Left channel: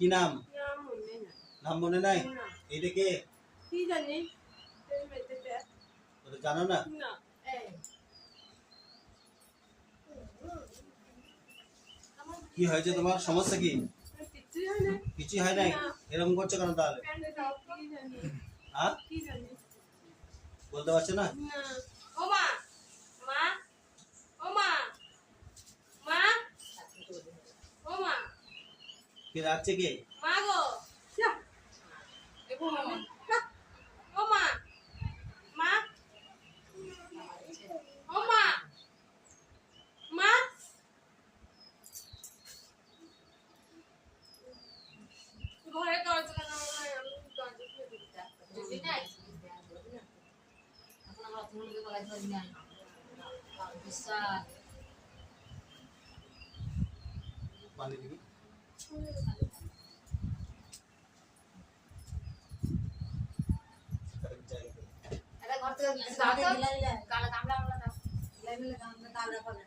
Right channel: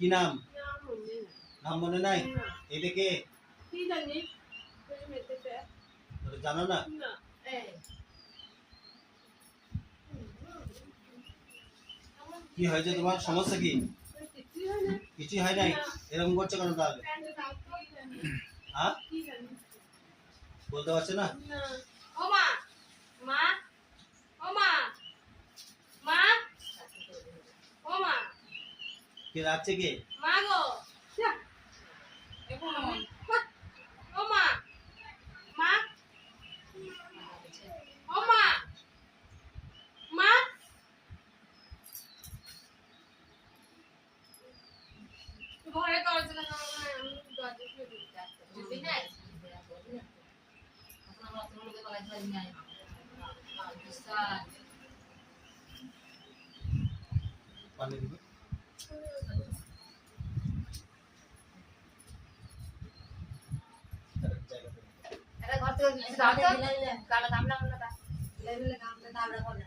কি নাম? নাম মনে নাই? এটা কে? কি জানি? ওটা জানো না? কি হয়েছে তোমার? সমস্যা কি? কিছুই হয় নাই। এরকম করছো কেন তাহলে? হ্যাঁ? বলতে পারছো না? ও মা, মা, ও মা, মা, ও মা, কে রাখছে কে? মা গো, ও মা, মা, ও মা, মা, ঘরে দরজা লাগানো আমি দরজা খুলে দিতে যদি না এখন আমরা অতগুলো কলাই ধরি নাই বিশাল পানি দিবি? এটা ঘর থেকে দাও তো কালা গামলা গামলা দাও লেলে গামলা দাও রাখো না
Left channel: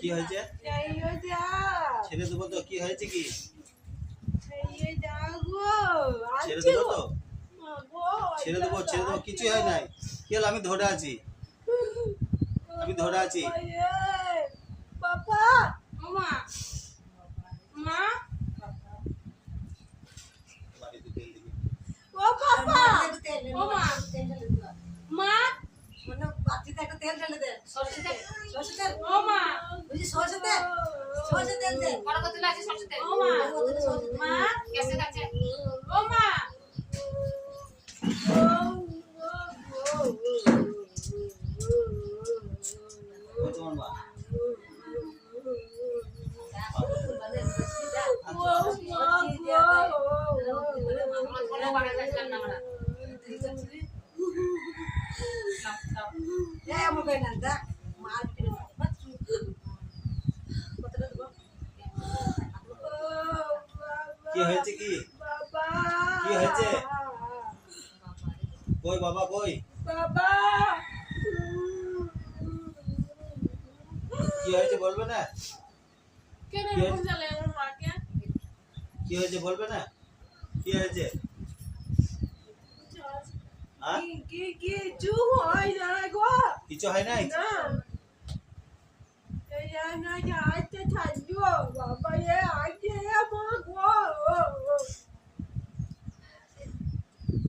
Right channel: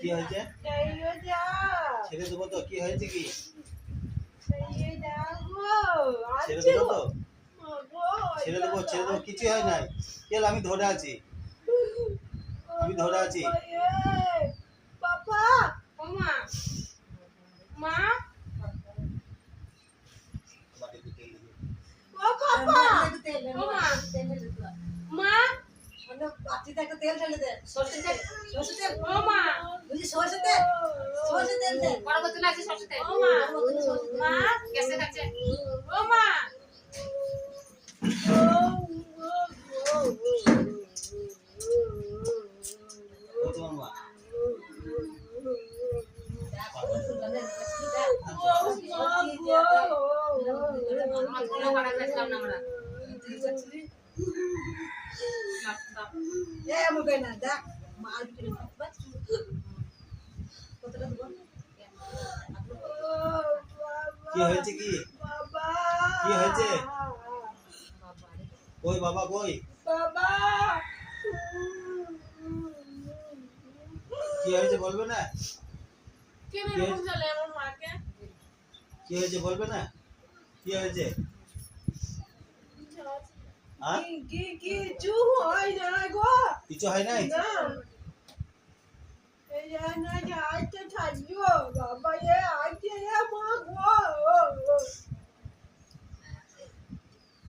কি হয়েছে? ছেড়ে দেবো তো? কি হয়েছে কি? ছেড়ে দেবো তো? ছেড়ে দেবো, ছেড়ে দেবো, কিছু হয় নাই। কি হলো? আমি ধরে আছি, আমি ধরে আছি। বাবা মা মা বাড়িতে তেল দিবি? ও বাবা ও মা মা মানে পাতিতে একটা তেল ঢেলে দে সরষে তেল সরষে তেল ও মা বুঝি সরষে তেল দে বড় কত লাগছে সরষে তেল ও মা মা গ্যাসে কাছে ও মা ওই তোমার মা। আমরা কোনো বাড়া খাইছিলাম না আমরা এ আমার বেনা দেখ মার ভিতরে কতটা দেব কি হয়েছে কি? কি হয়েছে? কই বাবা কই? বাবা কি হয়েছে বলবে না? কেন এরকম চলে আমার মাকে কি হয়েছে বলবে না? কি হয়েছে? হ্যাঁ? কিছু হয় না গো কিছু হয় নাই? না এই না আজকে থাকবো বাবা এ আজকে মা গো